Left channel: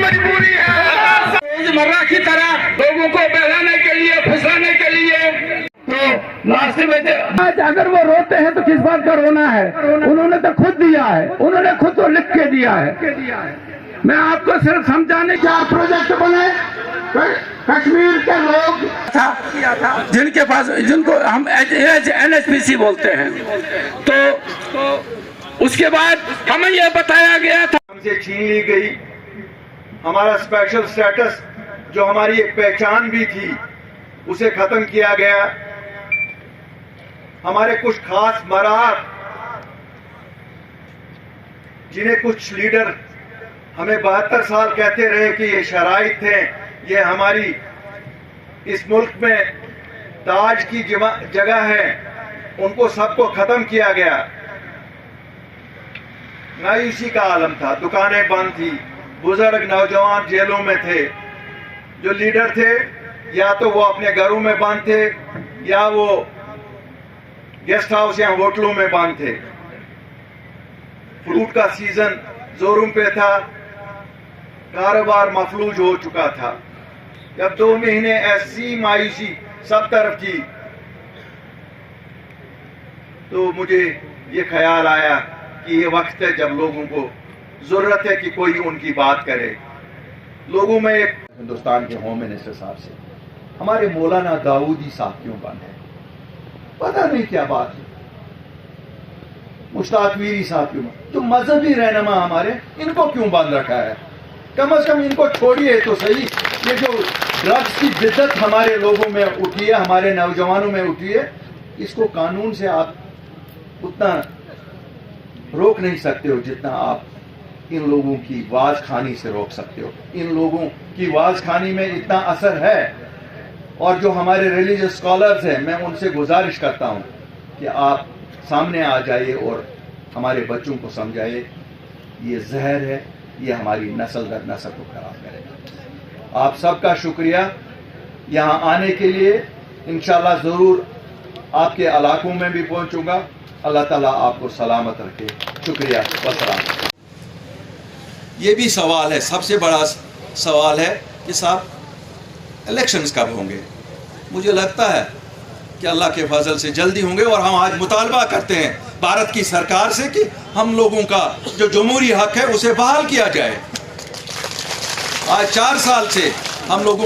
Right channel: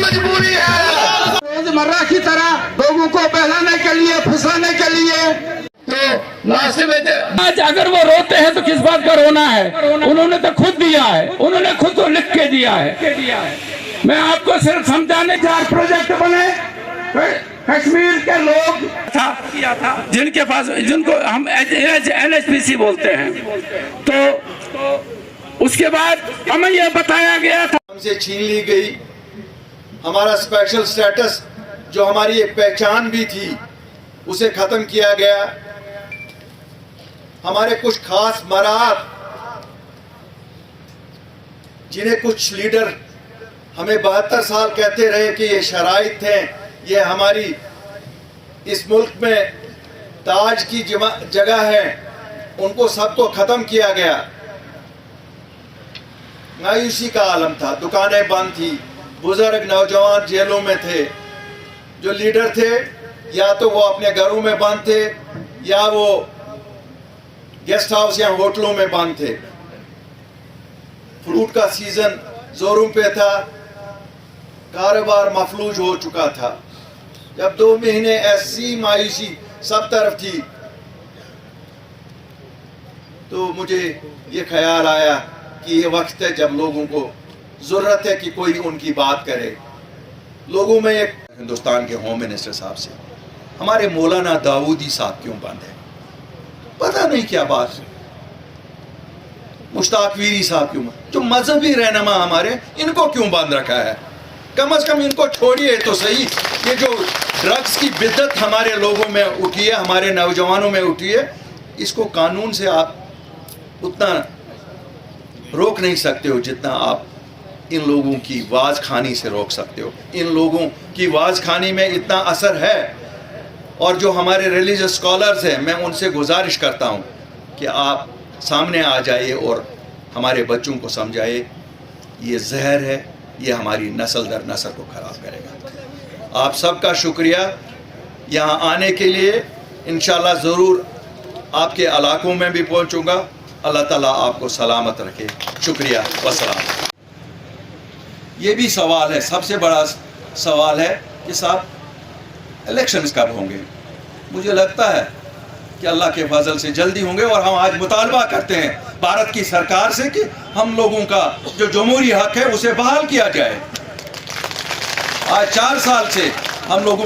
मजबूरी है रोजमर्रा की तरह लोगों को बहलाने के लिए, फंसाने के लिए। तो लास्ट में आज अगर वो रोते हैं तो किस बात का रोना है? उन्होंने तो खुद दिया है, उन्होंने खुद तो लिख के दिया है। मैं आपको सिर्फ समझाने 4 प्रोजेक्ट बने कश्मीर के लोग किया था, जिनके पास, जिनको हम NHPC बोलते हैं, तो उसके बाद हमें यह बताया गया था, हमसे छीन ली गई हमारा स्पेशल स्टेटस, जो हमारी एक पहचान भी थी, उसे खत्म किया गया। हमारे कुछ खास मराहत, जिन्हें कुछ लीडर हमें 72 साल कहते रहे कि ये शराइत हैं, ये हमारी इस मुल्क में ताज की जगह है, उनको सबको खत्म किया गया। मायूसी का आलम था, दुकानें बंद थी, बुजुर्ग नौजवान जेलों में थे, जो लीडर थे या तो वो अपने घरों में बंद थे या वो गेस्ट हाउस या होटलों में बंद थे। फ्रूट का सीजन जोरों पे था, कारोबार मफलूज हो चुका था। जब 2 महीने ऐसी मायूसी सब तरफ थी, तो मुझे ये ख्याल आया कि ये वक्त है जब लोगों को जरूरत है कि कोई उनकी बात करे। लोगों में एक हिंदुस्तान के होम मिनिस्टर साहब से हमारे मौलाना दाऊदी साहब क्यों बंद है, पता नहीं क्या बात है। मुश्ताक वीरी साहब क्यों, जो मजहबी रहनुमा हमारे, इनको क्यों बंद रखा है? कम से कम इनको छोड़िए तो सही। ये जो ड्रग्स की बिद्दत हमारे लोगों में उठी है, हमारे नौजवानों में उठी है, इसको कानून से आप उतना रोक नहीं सकते हो जितना आप इन लोगों की वाज खानी से रोक सकते हो। इन लोगों की वाज खानी में इतना असर है, और जो हमारे रिलीजियस स्कॉलर्स हैं, मैं उनसे गुजारिश करता हूँ कि आप सामने आ जाइए और हमारे बच्चों को समझाइए ये जहर है, ये हमारी नस्ल दर नस्ल को ख़राब करेगा। आप सबका शुक्रिया यहाँ आने के लिए। इंशाल्लाह ज़रूर आपके इलाकों में भी पहुँचूँगा। अल्लाह ताला आपको सलामत रखे। शुक्रिया, वस्सलाम। ये भी सवाल है, सबसे बड़ा सवाल है कि साहब इलेक्शंस कब होंगे? मुझे लगता है कि अल्लाह के फजल से जल्दी होंगे, और हम आज मुतालबा करते हैं भारत की सरकार से कि हम लोगों का जो जमहूरी हक है उसे बहाल किया जाए। आज 4 साल से हम लोगों